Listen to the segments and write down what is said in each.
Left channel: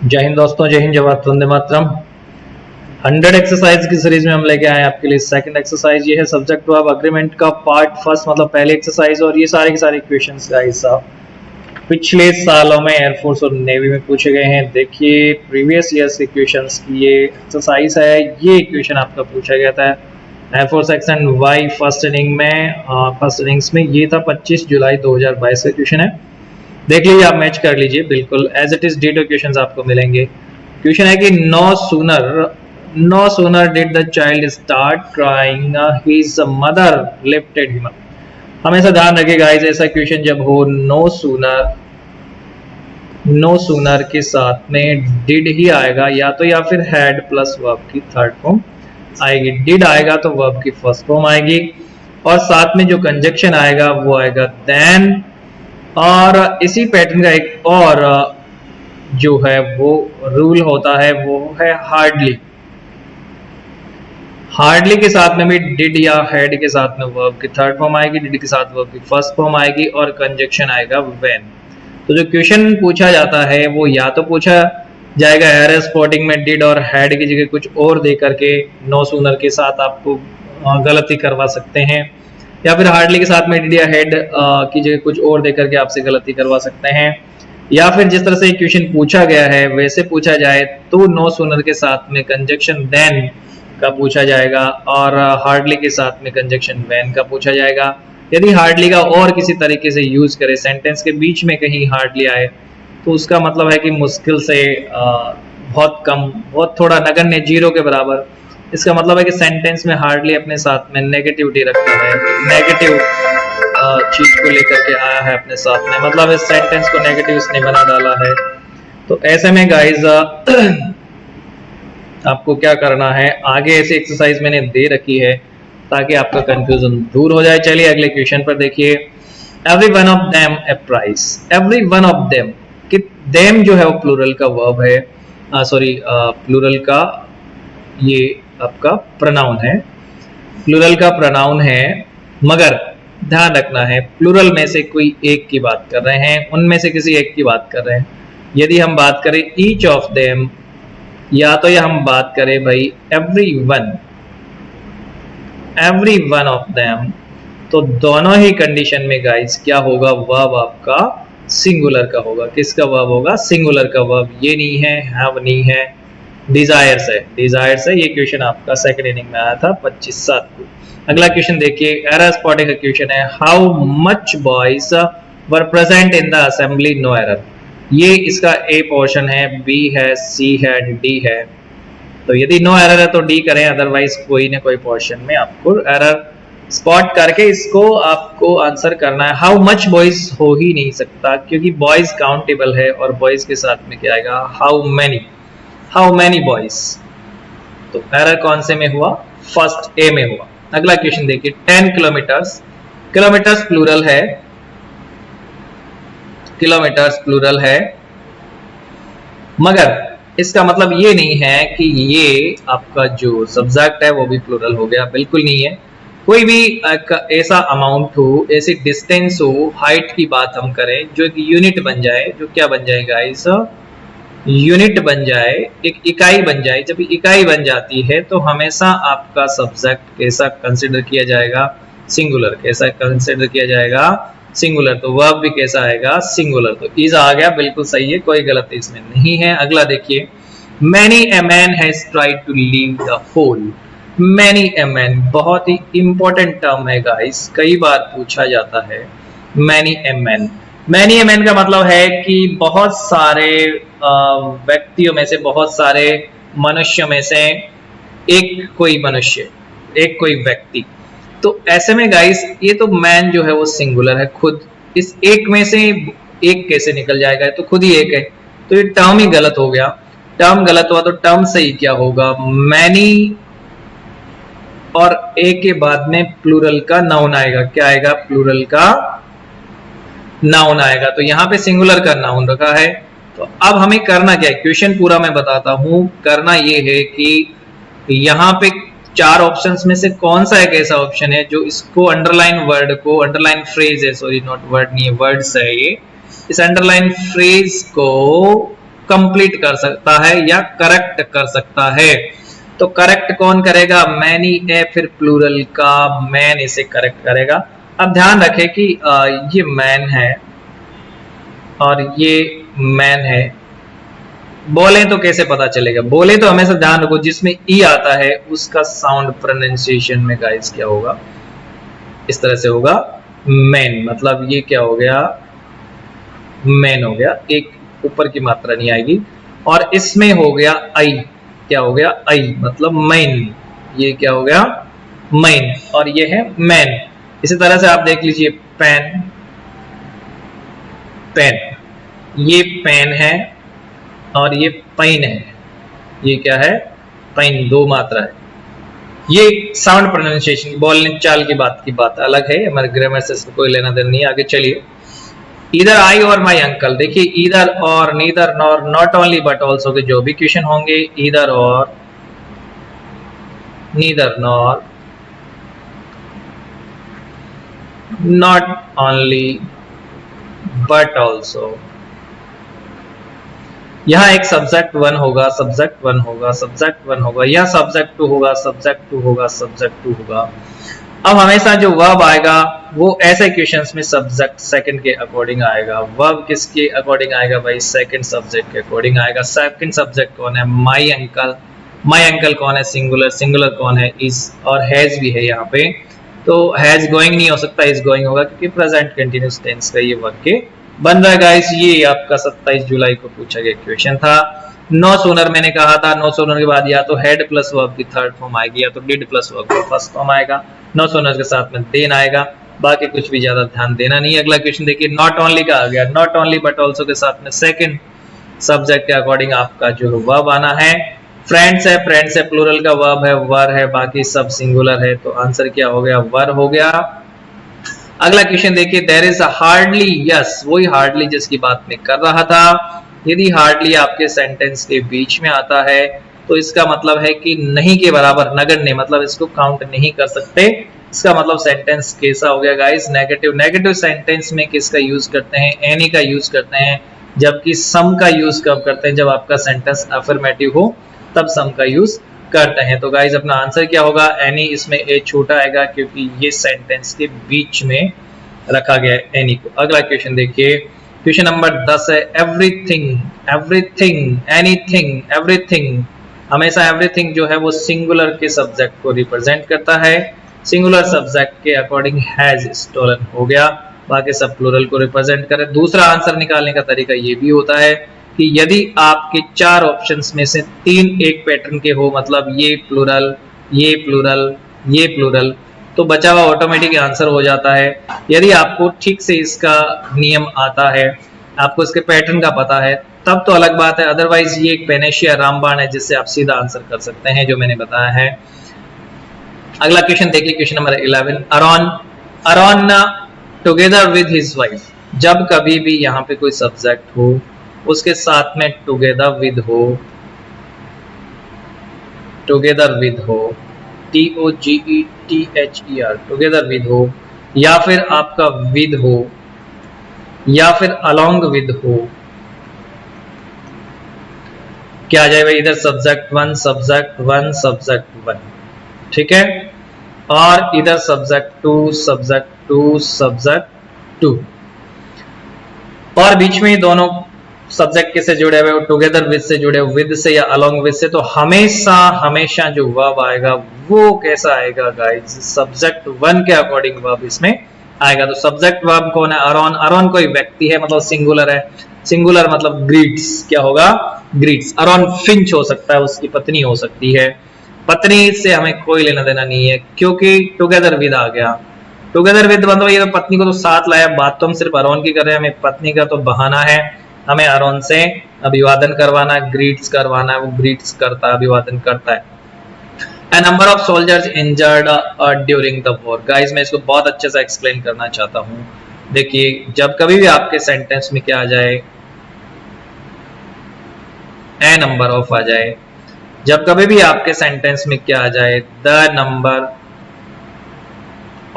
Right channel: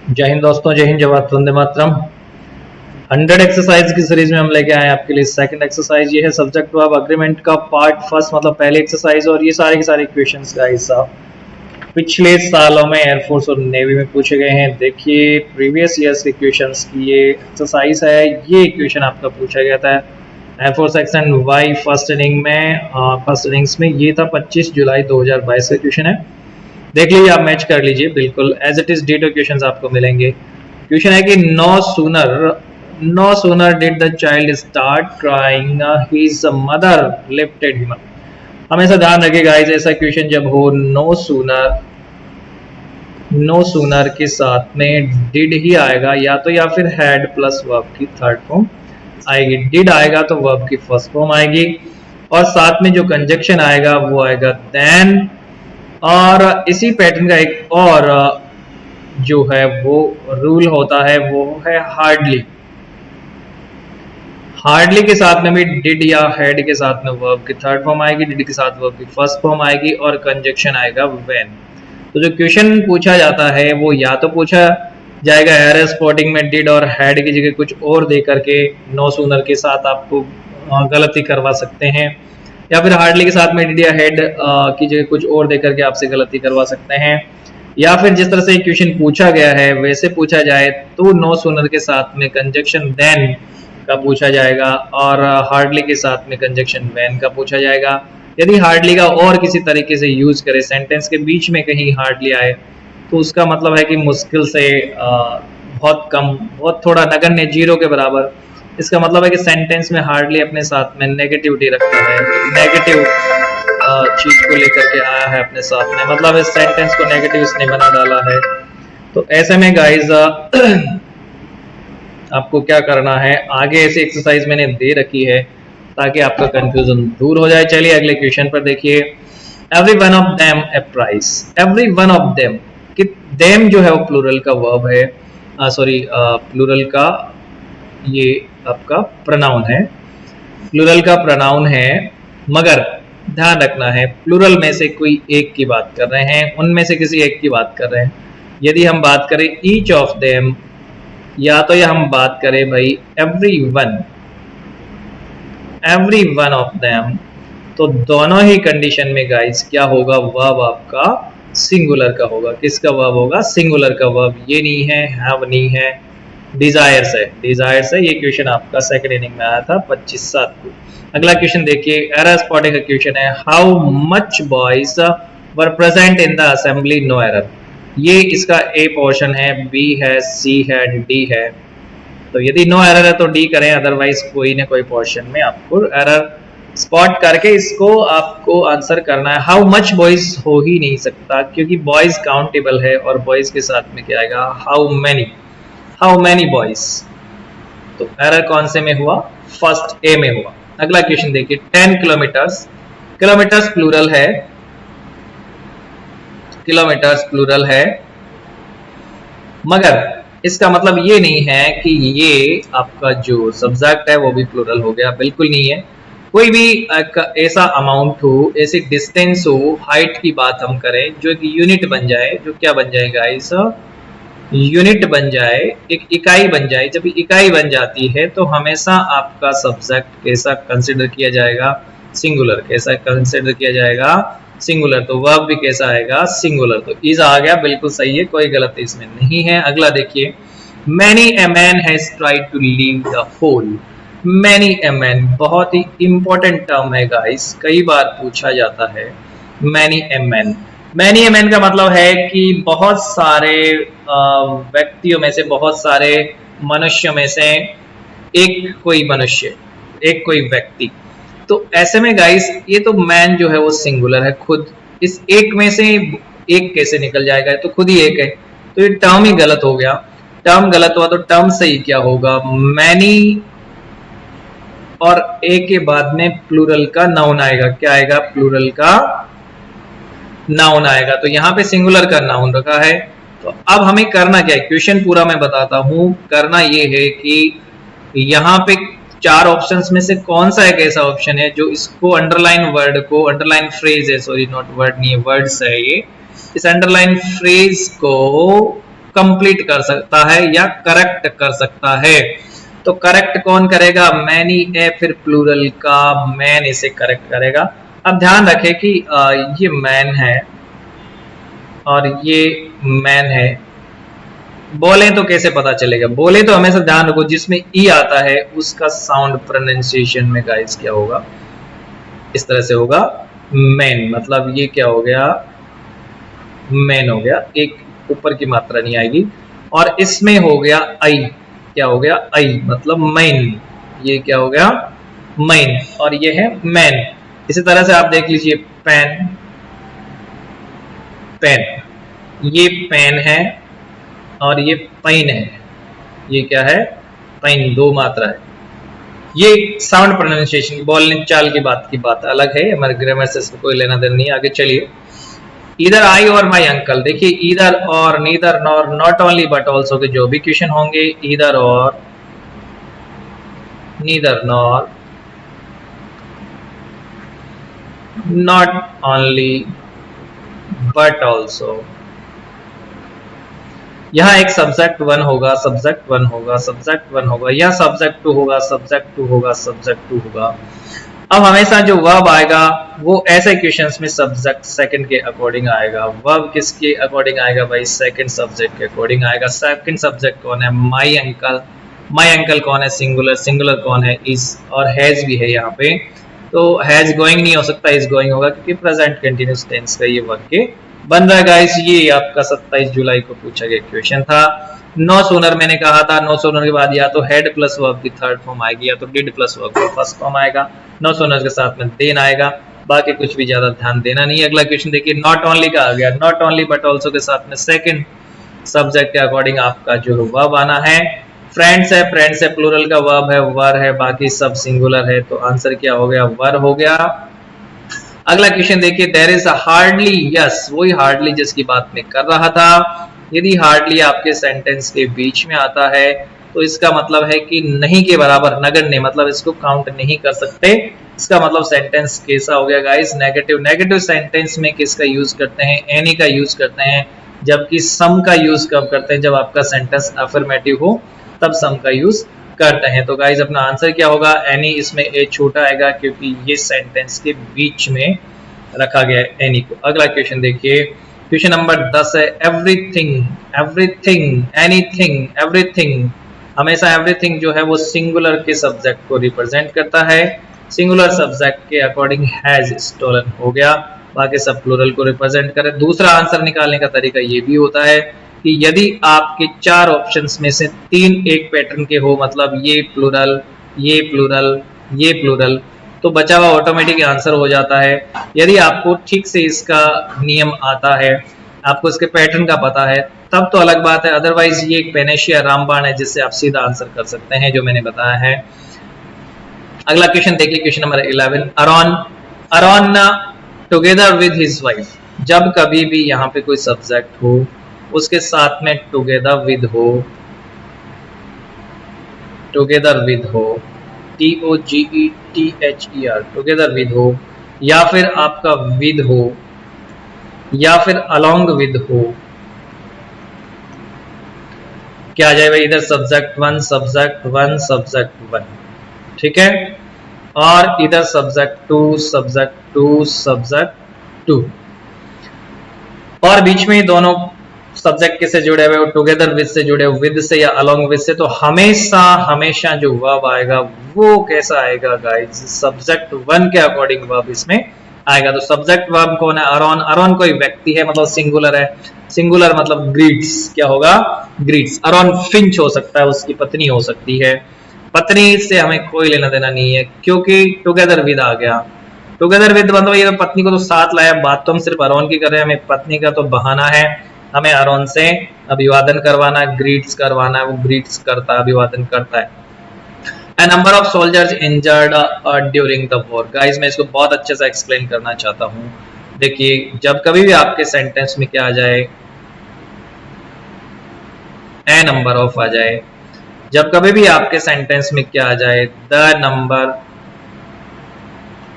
जय हिंद दोस्तों, जय हिंद, जय भारत, वंदे मातरम। 100 एक्सरसाइज की सीरीज में हम लेके आए हैं आपके लिए सेकंड एक्सरसाइज। ये है सब्जेक्ट ऑफ अग्रीमेंट का पार्ट फर्स्ट, मतलब पहली एक्सरसाइज। और ये सारी क्वेश्चंस का हिस्सा पिछले सालों में एयरफोर्स और नेवी में पूछे गए हैं। देखिए प्रीवियस ईयर्स के क्वेश्चंस की ये एक्सरसाइज है। ये क्वेश्चन आपका पूछा गया था air force section Y first inning में। फर्स्ट इनिंग्स में ये था 25 जुलाई 2022 का क्वेश्चन है। देख लीजिए, आप मैच कर लीजिए, बिल्कुल as it is that question आपको मिलेंगे। क्वेश्चन है कि no sooner did the child start crying his mother lifted him. हमेशा ध्यान रखिएगा ऐसा क्वेश्चन जब हो, नो सूनर के साथ में डिड ही आएगा, या फिर हैड प्लस वर्ब की थर्ड फॉर्म आएगी। डिड आएगा तो वर्ब की फर्स्ट फॉर्म आएगी, और साथ में जो कंजक्शन आएगा वो आएगा देन। और इसी पैटर्न का एक और जो है वो रूल होता है, वो है हार्डली। हार्डली के साथ में भी डिड या हैड के साथ में वर्ब की थर्ड फॉर्म आएगी, डिड के साथ वर्ब की फर्स्ट फॉर्म आएगी, और कंजक्शन आएगा व्हेन। तो जो क्वेश्चन पूछा जाता है वो या तो पूछा जाएगा एरर स्पॉटिंग में डिड और हैड की जगह कुछ और दे करके नो सूनर के साथ आपको गलती करवा सकते हैं, या फिर हार्डली के साथ में डिड या हैड की जगह कुछ और दे करके आपसे गलती करवा सकते हैं, या फिर जिस तरह से क्वेश्चन पूछा गया है वैसे पूछा जाए तो नो सूनर के साथ में कंजक्शन देन का पूछा जाएगा, और हार्डली के साथ में कंजक्शन व्हेन का पूछा जाएगा। यदि हार्डली का और किसी तरीके से यूज करें, सेंटेंस के बीच में कहीं हार्डली आए, तो उसका मतलब है कि मुश्किल से बहुत कम, बहुत थोड़ा नगण्य, जीरो के बराबर। इसका मतलब है कि सेंटेंस में हार्डली अपने साथ में नेगेटिव दे रखा है, नेगेटिव चीज को लेकर के आया है अपने साथ में, मतलब सेंटेंस को नेगेटिव इसने बना डाला है। तो ऐसे में गाइस आपको क्या करना है, आगे ऐसी एक्सरसाइज मैंने दे रखी है ताकि आपका कंफ्यूजन दूर हो जाए। चलिए अगले क्वेश्चन पर देखिए। Every one of them A price. Every one of them, कि देम जो है वो प्लूरल का वर्ब है, सॉरी प्लूरल का ये आपका प्रोनाउन है, प्लूरल का प्रोनाउन है। मगर ध्यान रखना है प्लूरल में से कोई एक की बात कर रहे हैं, उनमें से किसी एक की बात कर रहे हैं। यदि हम बात करें ईच ऑफ देम, या तो हम बात करें भाई एवरी वन ऑफ देम, तो दोनों ही कंडीशन में गाइस क्या होगा, वर्ब आपका सिंगुलर का होगा। किसका वर्ब होगा, सिंगुलर का वर्ब। ये नहीं है, हैव नहीं है, डिजायर्स है, डिजायर्स है। ये क्वेश्चन आपका सेकंड इनिंग में आया था 25/7 को। अगला क्वेश्चन देखिए, एरर स्पॉटिंग का क्वेश्चन है। How much boys were present in the assembly, no error. ये इसका ए पोर्शन है, बी है, सी है, डी है। तो यदि नो एरर तो डी करें, अदरवाइज कोई ना कोई पोर्शन में आपको एरर स्पॉट करके इसको आपको आंसर करना है। हाउ मच बॉयज हो ही नहीं सकता, क्योंकि बॉयज काउंटेबल है, और बॉयज के साथ में क्या आएगा, हाउ मैनी बॉयज। तो एरर कौन से में हुआ, फर्स्ट ए में हुआ। अगला क्वेश्चन देखिए, 10 किलोमीटर्स, किलोमीटर्स प्लूरल है, किलोमीटर्स प्लूरल है, मगर इसका मतलब ये नहीं है कि ये आपका जो सब्जेक्ट है वो भी प्लूरल हो गया, बिल्कुल नहीं है। कोई भी ऐसा अमाउंट हो, ऐसी डिस्टेंस हो, हाइट की बात हम करें जो यूनिट बन जाए, जो क्या बन जाएगा, ऐसा यूनिट बन जाए, एक इकाई बन जाए। जब इकाई बन जाती है तो हमेशा आपका सब्जेक्ट कैसा कंसिडर किया जाएगा, सिंगुलर। कैसा कंसिडर किया जाएगा, सिंगुलर। तो वर्ब भी कैसा आएगा, सिंगुलर। तो इज आ गया, बिल्कुल सही है, कोई गलती इसमें नहीं है। अगला देखिए, many a man has tried to leave the fold. Many a man बहुत ही इंपॉर्टेंट टर्म है गाइस, कई बार पूछा जाता है। Many a man, many a man का मतलब है कि बहुत सारे व्यक्तियों में से, बहुत सारे मनुष्य में से एक कोई मनुष्य, एक कोई व्यक्ति। तो ऐसे में गाइस ये तो मैन जो है वो सिंगुलर है, खुद। इस एक में से एक कैसे निकल जाएगा, तो खुद ही एक है, तो ये टर्म ही गलत हो गया। टर्म गलत हुआ तो टर्म सही क्या होगा, मैनी, और ए के बाद में प्लूरल का नाउन आएगा। क्या आएगा, प्लूरल का नाउन आएगा। तो यहाँ पे सिंगुलर का नाउन रखा है। तो अब हमें करना क्या है, क्वेश्चन पूरा मैं बताता हूँ। करना ये है कि यहाँ पे चार ऑप्शंस में से कौन सा एक ऐसा ऑप्शन है जो इसको अंडरलाइन वर्ड को, अंडरलाइन फ्रेज है, सॉरी नॉट वर्ड नहीं, वर्ड्स है ये। इस अंडरलाइन फ्रेज को कंप्लीट कर सकता है या करेक्ट कर सकता है। तो करेक्ट कौन करेगा? मैन ही है, फिर प्लूरल का मैन इसे करेक्ट करेगा। अब ध्यान रखें कि ये मैन है और ये मैन है। बोले तो कैसे पता चलेगा? बोले तो हमेशा ध्यान रखो जिसमें ई आता है उसका साउंड प्रोनाउंसिएशन में गाइस क्या होगा? इस तरह से होगा मैन, मतलब ये क्या हो गया? मैन हो गया, एक ऊपर की मात्रा नहीं आएगी। और इसमें हो गया आई, क्या हो गया? आई, मतलब मैन। ये क्या हो गया? मैन। और ये है मैन। इसी तरह से आप देख लीजिए पेन, पेन, ये पेन है और ये पेन है। ये क्या है? पेन, दो मात्रा है। ये साउंड प्रोनाउंसिएशन, बोलने चाल की बात अलग है, हमारे ग्रामर से कोई लेना देना नहीं। आगे चलिए, इधर आई और माई अंकल, देखिए इधर और, neither nor, not only but also, जो भी क्वेश्चन होंगे इधर और, neither nor, not only but also. यहाँ एक सब्जेक्ट वन होगा, सब्जेक्ट वन होगा, सब्जेक्ट वन होगा, यह सब्जेक्ट टू होगा, सब्जेक्ट टू होगा, सब्जेक्ट टू होगा। अब हमेशा जो वर्ब आएगा वो ऐसे क्वेश्चंस में सब्जेक्ट सेकंड के अकॉर्डिंग आएगा। वर्ब किसके अकॉर्डिंग आएगा भाई? सेकंड सब्जेक्ट के अकॉर्डिंग आएगा। सेकंड सब्जेक्ट कौन है? My uncle. माय अंकल कौन है? सिंगुलर। सिंगुलर कौन है? इज और हैज भी है यहाँ पे। तो हैज गोइंग नहीं हो सकता, इज गोइंग होगा कि प्रेजेंट कंटीन्यूअस टेंस से ये वाक्य बन रहा है गाइस। ये आपका 27 जुलाई को पूछा गया क्वेश्चन था। नो सोलर मैंने कहा था, नो सोलर के बाद या तो हेड प्लस वर्ब की थर्ड फॉर्म आएगी या तो डिड प्लस वर्ब का फर्स्ट फॉर्म आएगा। नो सोलर के साथ में देन आएगा। बाकी कुछ भी ज्यादा ध्यान देना नहीं है। अगला क्वेश्चन देखिए, नॉट ओनली का आ गया, नॉट ओनली बट आल्सो के साथ में सेकंड सब्जेक्ट के अकॉर्डिंग आपका जो वर्ब आना है। फ्रेंड्स है, फ्रेंड्स है प्लूरल का वर्ब है, वर है, बाकी सब सिंगुलर है। तो आंसर क्या हो गया? वर हो गया। अगला क्वेश्चन देखिए, there is a hardly, yes वही हार्डली जिसकी बात मैं कर रहा था। यदि हार्डली आपके सेंटेंस के बीच में आता है तो इसका मतलब है कि नहीं के बराबर, नगण्य, मतलब इसको काउंट नहीं कर सकते। इसका मतलब सेंटेंस कैसा हो गया गाइस? नेगेटिव। नेगेटिव सेंटेंस में किसका यूज करते हैं? एनी का यूज करते हैं। जबकि सम का यूज कब करते हैं? जब आपका सेंटेंस अफर्मेटिव हो तब सम का यूज करते हैं। तो गाइस अपना आंसर क्या होगा? एनी, इसमें ए छोटा आएगा क्योंकि ये सेंटेंस के बीच में रखा गया है एनी को। अगला क्वेश्चन देखिए, क्वेश्चन नंबर 10 है, एवरीथिंग, एवरीथिंग, एनीथिंग, एवरीथिंग। हमेशा एवरीथिंग जो है वो सिंगुलर के सब्जेक्ट को रिप्रेजेंट करता है। सिंगुलर सब्जेक्ट के अकॉर्डिंग हैज स्टोलन हो गया, बाकी सब प्लूरल को रिप्रेजेंट कर रहे हैं। दूसरा आंसर निकालने का तरीका ये भी होता है कि यदि आपके चार ऑप्शंस में से तीन एक पैटर्न के हो, मतलब ये प्लूरल, ये प्लूरल, ये प्लूरल, तो बचा हुआ ऑटोमेटिक आंसर हो जाता है। यदि आपको ठीक से इसका नियम आता है, आपको इसके पैटर्न का पता है, तब तो अलग बात है। अदरवाइज ये वेनेशिया रामबाण है जिससे आप सीधा आंसर कर सकते हैं, जो मैंने बताया है। अगला क्वेश्चन देखिए, question number 11, Aaron, Aaron together with his wife. जब कभी भी यहाँ पे कोई सब्जेक्ट हो उसके साथ में टुगेदर विद हो, टुगेदर विद हो, TOGETHER, टुगेदर विद हो, या फिर आपका विद हो, या फिर अलोंग विद हो, क्या जाएगा? इधर subject one, subject one, subject one, ठीक है, और इधर subject two, subject two, subject two, और बीच में दोनों सब्जेक्ट किससे जुड़े हुए? टुगेदर विद से जुड़े हुए, विद से या अलोंग विद से। तो हमेशा हमेशा जो वर्ब आएगा वो कैसा आएगा गाइस? सब्जेक्ट वन के अकॉर्डिंग वर्ब इसमें आएगा। तो सब्जेक्ट वर्ब कौन है? अरॉन। अरॉन कोई व्यक्ति है, मतलब सिंगुलर है। सिंगुलर मतलब ग्रीट्स, क्या होगा? ग्रीट्स। अरॉन फिंच हो सकता है, उसकी पत्नी हो सकती है। पत्नी से हमें कोई लेना देना नहीं है क्योंकि टुगेदर विद आ गया। टुगेदर विद मतलब ये पत्नी को तो साथ लाया, बात तो हम सिर्फ अरॉन की कर रहे हैं, हमें पत्नी का तो बहाना है, हमें अरॉन से अभिवादन करवाना है, ग्रीट्स करवाना है, वो ग्रीट्स करता है, अभिवादन करता है। A number of soldiers injured during the war. Guys, मैं इसको बहुत अच्छे से एक्सप्लेन करना चाहता हूँ। देखिए, जब कभी भी आपके सेंटेंस में क्या आ जाए, a number of आ जाए, जब कभी भी आपके सेंटेंस में क्या आ जाए, the number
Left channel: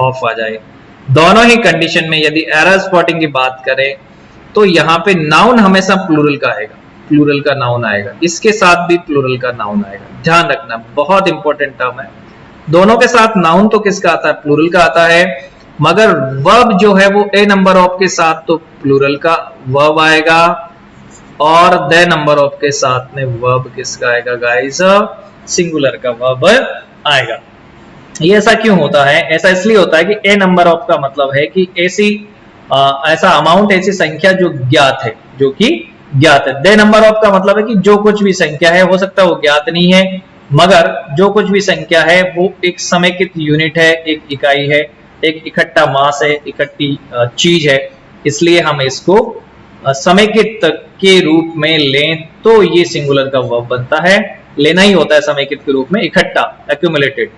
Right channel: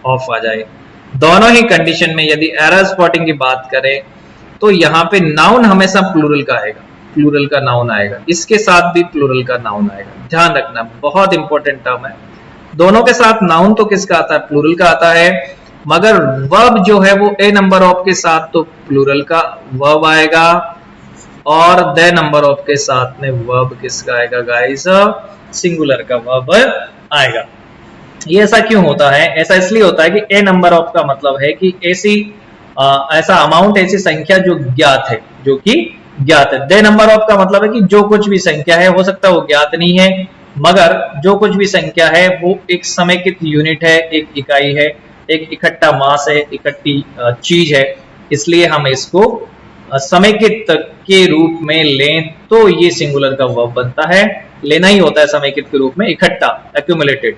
of आ जाए, दोनों ही कंडीशन में यदि एरर स्पॉटिंग की बात करें तो यहाँ पे नाउन हमेशा प्लूरल का आएगा। प्लूरल का नाउन आएगा, इसके साथ भी प्लूरल का नाउन आएगा। ध्यान रखना, बहुत इंपॉर्टेंट टर्म है। दोनों के साथ नाउन तो किसका आता है? प्लूरल का आता है, मगर वर्ब जो है वो ए नंबर ऑफ के साथ तो प्लूरल का वर्ब आएगा, और द नंबर ऑफ के साथ में वर्ब किसका आएगा गाइस? सिंगुलर का वर्ब आएगा। ये ऐसा क्यों होता है? ऐसा इसलिए होता है कि ए नंबर ऑफ का मतलब है कि ऐसा अमाउंट, ऐसी संख्या जो ज्ञात है, जो कि ज्ञात है। दे नंबर ऑफ का मतलब है कि जो कुछ भी संख्या है, हो सकता है वो ज्ञात नहीं है, मगर जो कुछ भी संख्या है वो एक समेकित यूनिट है, एक इकाई है, एक इकट्ठा मास है, इकट्ठी चीज है, इसलिए हम इसको समेकित के रूप में लें तो ये सिंगुलर का वर्ब बनता है। लेना ही होता है समेकित के रूप में, इकट्ठा, एक्यूमुलेटेड।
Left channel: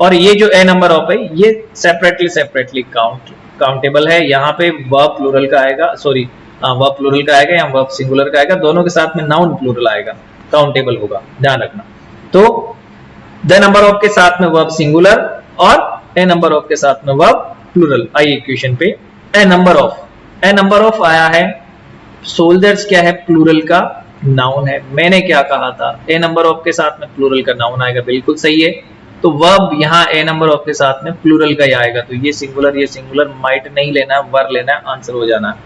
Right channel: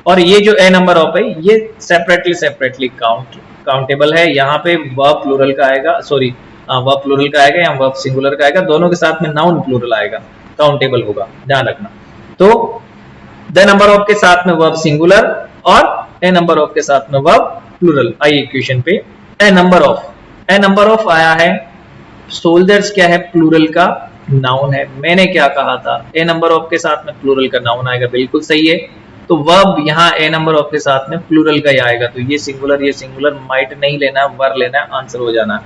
और ये जो ए नंबर ऑफ है ये सेपरेटली काउंटेबल है। यहाँ पे वर्ब प्लूरल का आएगा, सॉरी वर्ब प्लूरल का आएगा, यहाँ वर्ब सिंगुलर का आएगा, दोनों के साथ में नाउन प्लूरल आएगा, काउंटेबल होगा, ध्यान रखना। तो द नंबर ऑफ के साथ में वर्ब सिंगुलर और ए नंबर ऑफ के साथ में वर्ब प्लूरल। आइए इक्वेशन पे, ए नंबर ऑफ आया है, सोल्जर्स क्या है? प्लूरल का नाउन है। मैंने क्या कहा था? ए नंबर ऑफ के साथ में प्लूरल का नाउन आएगा, बिल्कुल सही है। तो वर्ब यहाँ ए नंबर ऑफ के साथ में प्लूरल का ही आएगा, तो ये सिंगुलर माइट नहीं लेना, वर्ब लेना है, आंसर हो जाना।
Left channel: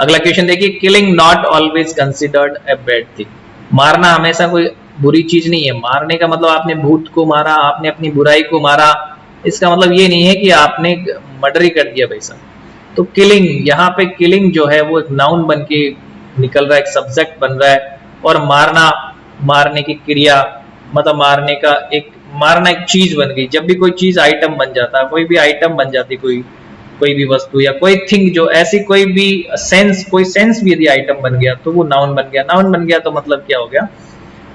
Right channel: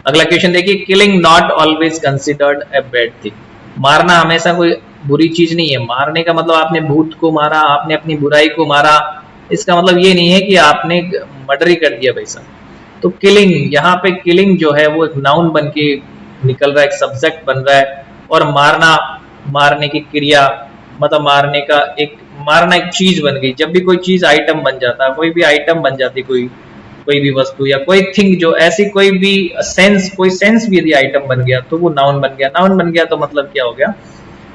अगला क्वेश्चन देखिए, killing not always considered a bad thing. मारना हमेशा कोई बुरी चीज नहीं है। मारने का मतलब आपने भूत को मारा, आपने अपनी बुराई को मारा, इसका मतलब ये नहीं है कि आपने मर्डर ही कर दिया पैसा। तो किलिंग, यहाँ पे किलिंग जो है वो नाउन बन के निकल रहा है, सब्जेक्ट बन रहा है, और मारना, मारने की क्रिया, मतलब मारना एक चीज बन गई। जब भी कोई चीज आइटम बन जाता है, कोई भी आइटम बन जाती है, कोई भी वस्तु या कोई थिंग, जो ऐसी कोई भी कोई सेंस भी यदि आइटम बन गया तो वो नाउन बन गया। नाउन बन गया तो मतलब क्या हो गया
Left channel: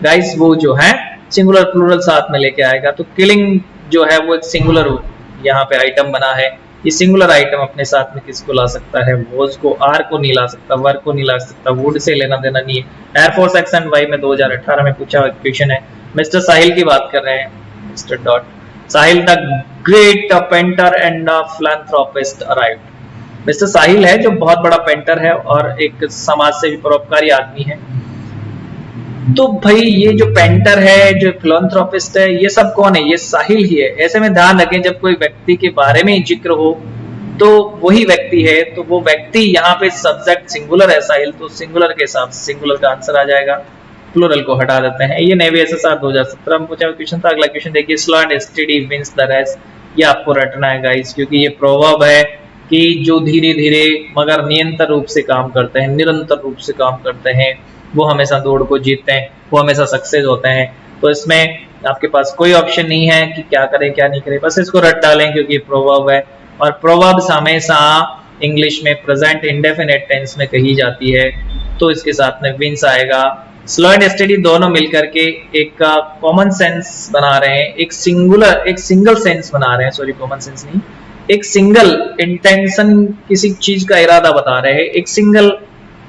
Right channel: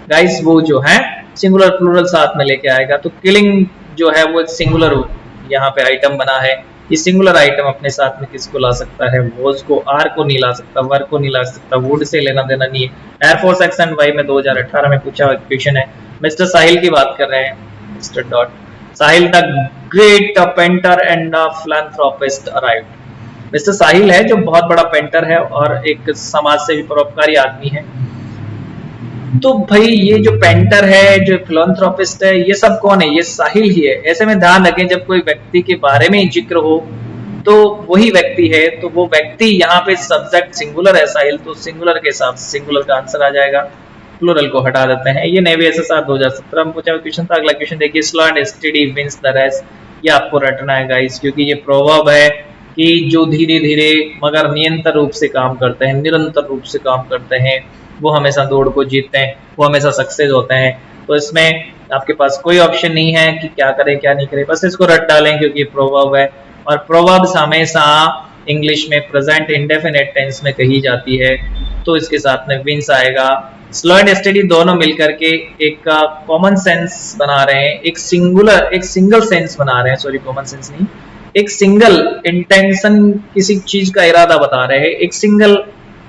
गाइस? वो जो है सिंगुलर प्लूरल साथ में लेके आएगा। तो किलिंग जो है वो सिंगुलर यहाँ पे आइटम बना है। ये सिंगुलर आइटम अपने साथ में किसको ला सकता है? वो उसको आर को नहीं ला सकता, वर्ब को नहीं ला सकता, वुड से लेना देना नहीं है। एयरफोर्स सेक्शन वाई में 2018 में पूछा क्वेश्चन है। मिस्टर साहिल की बात कर रहे हैं। Mister dot Sahil the great painter and philanthropist arrived. Mister Sahil है जो बहुत बड़ा पेंटर है और एक समाज से परोपकारी आदमी है। तो भाई ये जो पेंटर है, जो फिलैंथ्रोपिस्ट है, ये सब कौन है? ये साहिल ही है। ऐसे में ध्यान रखें, जब कोई व्यक्ति के बारे में जिक्र हो तो वही व्यक्ति है, तो वो व्यक्ति यहाँ पे सब्जेक्ट सिंगुलर है साहिल, तो सिंगुलर के साथ सिंगुलर का आंसर आ जाएगा, प्लूरल को हटा देते हैं। ये नए वे से साथ 2017 मुझे क्वेश्चन था। अगला क्वेश्चन देखिए, slow and steady means the rest. ये आपको रटना है गाइस, क्योंकि ये प्रोवर्ब है कि जो धीरे-धीरे मगर निरंतर रूप से काम करते हैं, निरंतर रूप से काम करते हैं, वो हमेशा दौड़ को जीतते हैं, वो हमेशा सक्सेस होते हैं। तो इसमें आपके पास कोई ऑप्शन नहीं है कि क्या करें क्या नहीं करें, बस इसको रट डालें क्योंकि प्रोवर्ब है। और प्रोवर्ब्स हमेशा इंग्लिश में प्रेजेंट इंडेफिनिट टेंस में कही जाती है, तो इसके साथ में मींस आएगा। स्लो एंड स्टेडी दोनों मिलकर के एक कॉमन सेंस बना रहे हैं, एक सिंगल सेंस बना रहे हैं, सॉरी कॉमन सेंस नहीं, एक सिंगल इंटेंशन, किसी चीज का इरादा बना रहे हैं, एक सिंगल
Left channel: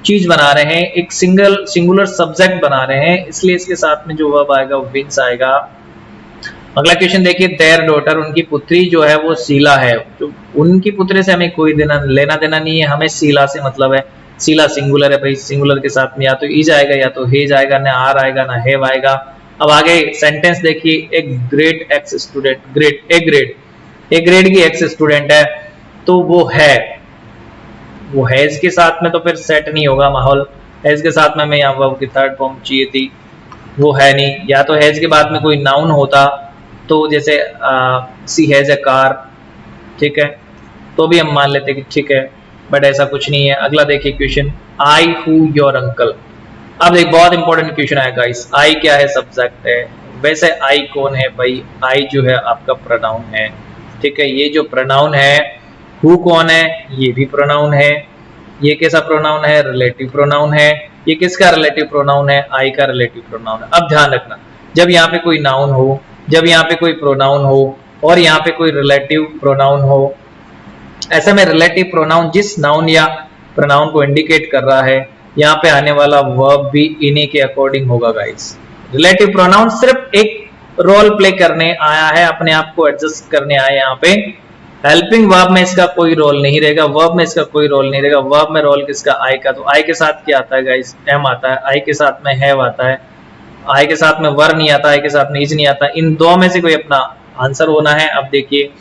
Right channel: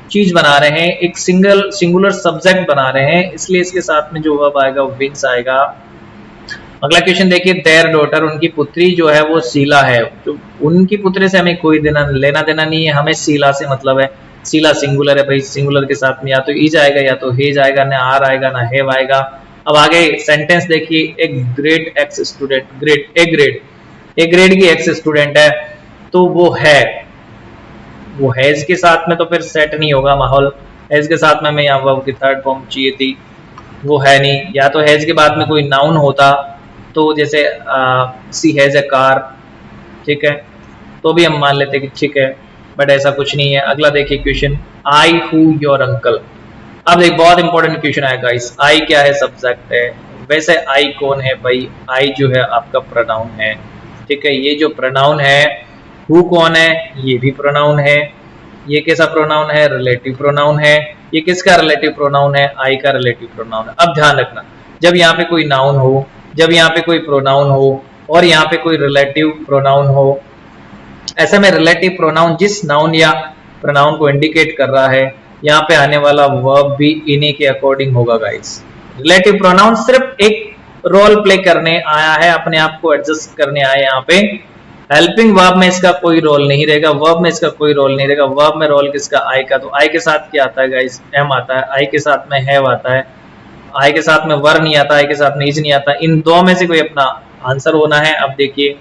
चीज बना रहे हैं, एक सिंगुलर सब्जेक्ट बना रहे हैं, इसलिए इसके साथ में जो वर्ब आएगा वो मींस आएगा। अगला क्वेश्चन देखिए, देयर डॉटर, उनकी पुत्री जो है वो शीला है। तो उनकी पुत्री से हमें कोई लेना देना नहीं है, हमें शीला से मतलब है। शीला सिंगुलर है भाई, सिंगुलर के साथ में या तो इज आएगा या तो हेज आएगा, ना आर आएगा ना हेव आएगा। अब आगे सेंटेंस देखिए, एक great x student, a great की एक्स स्टूडेंट है, तो वो है इसके साथ में तो फिर सेट नहीं होगा माहौल। इसके साथ में हमें यहाँ वर्ब की थर्ड फॉर्म चाहिए थी, वो है नहीं। या तो है इसके बाद में कोई नाउन होता, तो जैसे सी हैज अ कार, ठीक है, तो भी हम मान लेते हैं कि ठीक है, बट ऐसा कुछ नहीं है। अगला देखिए question, I to your uncle. अब एक बहुत इंपॉर्टेंट क्वेश्चन है गाइस, आई क्या है? सब्जेक्ट है। वैसे आई कौन है भाई? आई जो है आपका प्रोनाउन है, ठीक है। ये जो प्रोनाउन है, हु कौन है? ये भी प्रोनाउन है। ये कैसा प्रोनाउन है? रिलेटिव प्रोनाउन है। ये किसका रिलेटिव प्रोनाउन है? आई का रिलेटिव प्रोनाउन। अब ध्यान रखना, जब यहाँ पे कोई नाउन हो, जब यहाँ पे कोई प्रोनाउन हो और यहाँ पे कोई रिलेटिव प्रोनाउन हो, ऐसे में रिलेटिव प्रोनाउन जिस नाउन या प्रोनाउन को इंडिकेट कर रहा है, यहाँ पे आने वाला वर्ब भी इन्हीं के अकॉर्डिंग होगा गाइस। रिलेटिव प्रोनाउन सिर्फ एक रोल प्ले करने आया है, अपने आप को एडजस्ट करने आया है यहाँ पे, हेल्पिंग वर्ब में इसका कोई रोल नहीं रहेगा, वर्ब में इसका कोई रोल नहीं रहेगा। वर्ब में रोल किसका? आई का। तो आई के साथ क्या आता है गाइस? एम आता है। आई के साथ में हैव आता है। आई के साथ में वर नहीं आता, आई के साथ नीज नहीं आता। इन दो में से कोई अपना आंसर होना है। अब देखिए,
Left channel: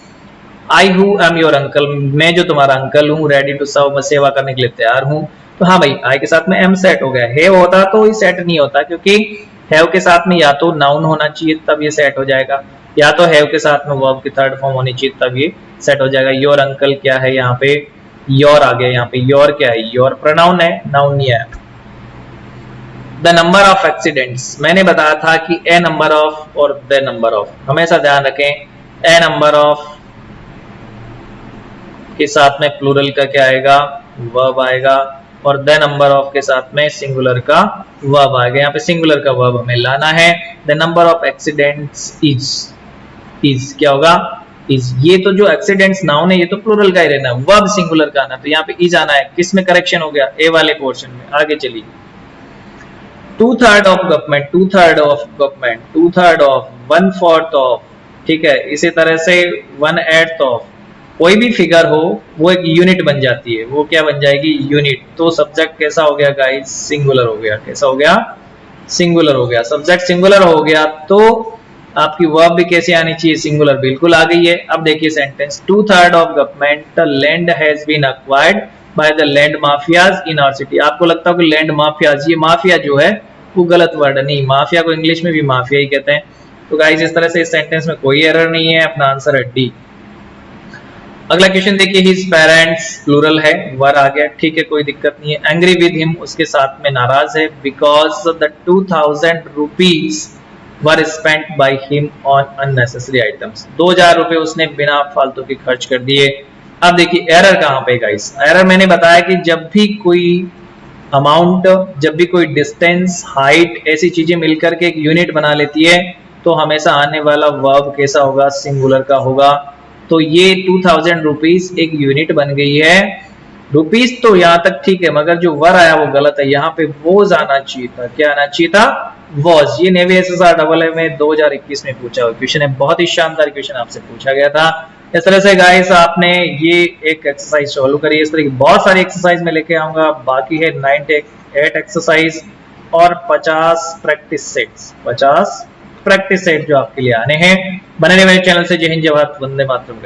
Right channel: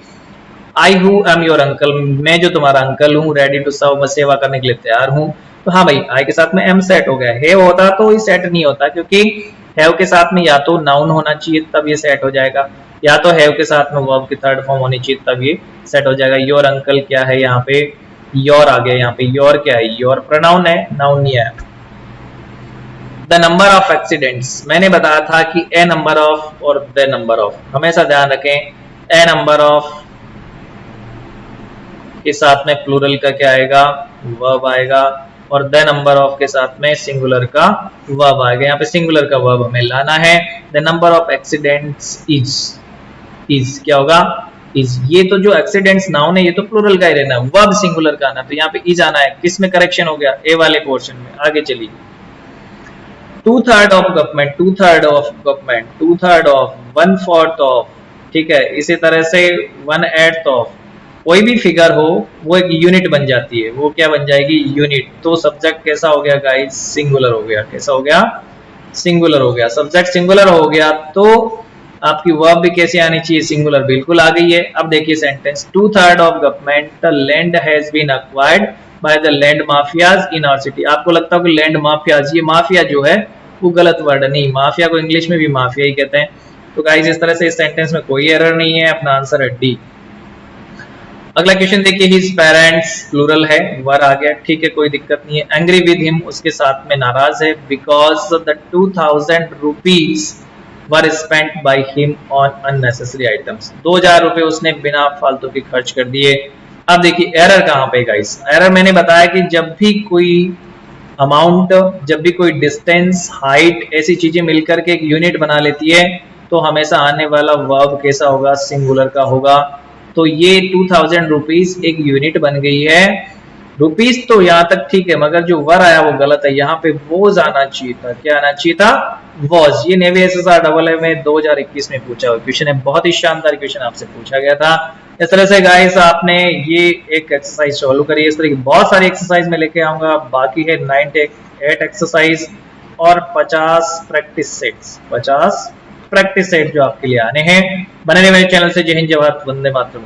आई हूँ आई एम योर अंकल, मैं जो तुम्हारा अंकल हूँ, रेडी टू सर्व, मैं सेवा करने के लिए तैयार हूँ। तो हाँ भाई, आई के साथ में एम सेट हो गया। हैव होता तो सेट नहीं होता, क्योंकि हैव के साथ में या तो नाउन होना चाहिए तब ये सेट हो जाएगा, या तो हैव के साथ में वर्ब की थर्ड फॉर्म होनी चाहिए तब ये सेट हो जाएगा। योर अंकल क्या है यहाँ पे? योर आ गया। यहाँ पे योर क्या है? योर प्रोनाउन है, नाउन ही है। द नंबर ऑफ एक्सीडेंट्स, मैंने बताया था कि ए नंबर ऑफ और द नंबर ऑफ, हमेशा ध्यान रखें। ए नंबर ऑफ के साथ में प्लूरल का क्या आएगा? वर्ब आएगा। और द नंबर ऑफ के साथ में सिंगुलर का वर्ब आएगा। यहाँ पे सिंगुलर का वर्ब हमें लाना है। The number of accidents is क्या होगा? इज। ये तो जो एक्सीडेंट्स नाउन है ये तो प्लूरल का लेना है, वर्ब सिंगुलर का आना है। यहाँ पे इज आना है। किसमें करेक्शन हो गया? ए वाले पोर्शन में। आगे चलिए। 2/3 of government, 2/3 of government, 2/3 of, 1/4 of, ठीक है। इसी तरह से 1/8 ऑफ, कोई भी फिगर हो वो एक यूनिट बन जाती है। वो क्या बन जाएगी? यूनिट। तो सब्जेक्ट कैसा हो गया गाइस? सिंगुलर हो गया। कैसा हो गया? सिंगुलर हो गया। सब्जेक्ट सिंगुलर हो गया तो आपकी वर्ब भी कैसे आनी चाहिए? सिंगुलर। बिल्कुल आ गई है। अब देखिए sentence, 2/3 of government land has been acquired by the land mafias in our city. आपको लगता है लैंड माफियाज, ये माफिया जो है वो गलत वर्ड नहीं, माफिया को इंग्लिश में भी माफिया ही कहते हैं। तो गाइस इस तरह से इस सेंटेंस में कोई एरर नहीं है, अपना आंसर है डी। अगला क्वेश्चन देखिए, हिज पेरेंट्स प्लूरल है, वर आ गया, ठीक है, कोई दिक्कत नहीं है। एंग्री विद हिम, उसके साथ में नाराज है, because the 2000 rupees were spent by him on unnecessary items. 2000 रुपए उसने बिना फालतू के खर्च कर दिए। अब देखिए एरर कहां पे गाइस? एरर मैंने बताया कि जब भी कोई अमाउंट, जब भी कोई डिस्टेंस, हाइट, ऐसी चीजें मिलकर के एक यूनिट बना लेती है तो हमेशा आने वाला वर्ब कैसा होगा? सिंगुलर का होगा। तो ये 2000 रुपीस एक यूनिट बन गई है। रुपीस तो यहाँ तक ठीक है, मगर जो वर आया वो गलत है। यहाँ पे वॉज आना चाहिए था। क्या आना चाहिए था? वॉज। ये नेवी डबल में 2021 में पूछा हुआ क्वेश्चन है, बहुत ही शानदार क्वेश्चन आपसे पूछा गया था। इस तरह से गाइस आपने ये एक एक्सरसाइज सॉल्व करी। इस तरह की बहुत सारी एक्सरसाइज में लेके आऊंगा। बाकी है 8 एक्सरसाइज और 50 प्रैक्टिस सेट्स, 50 प्रैक्टिस सेट जो आपके लिए आने हैं। बने हुए चैनल से जय हिंद, जय भारत, वंदे मातरम।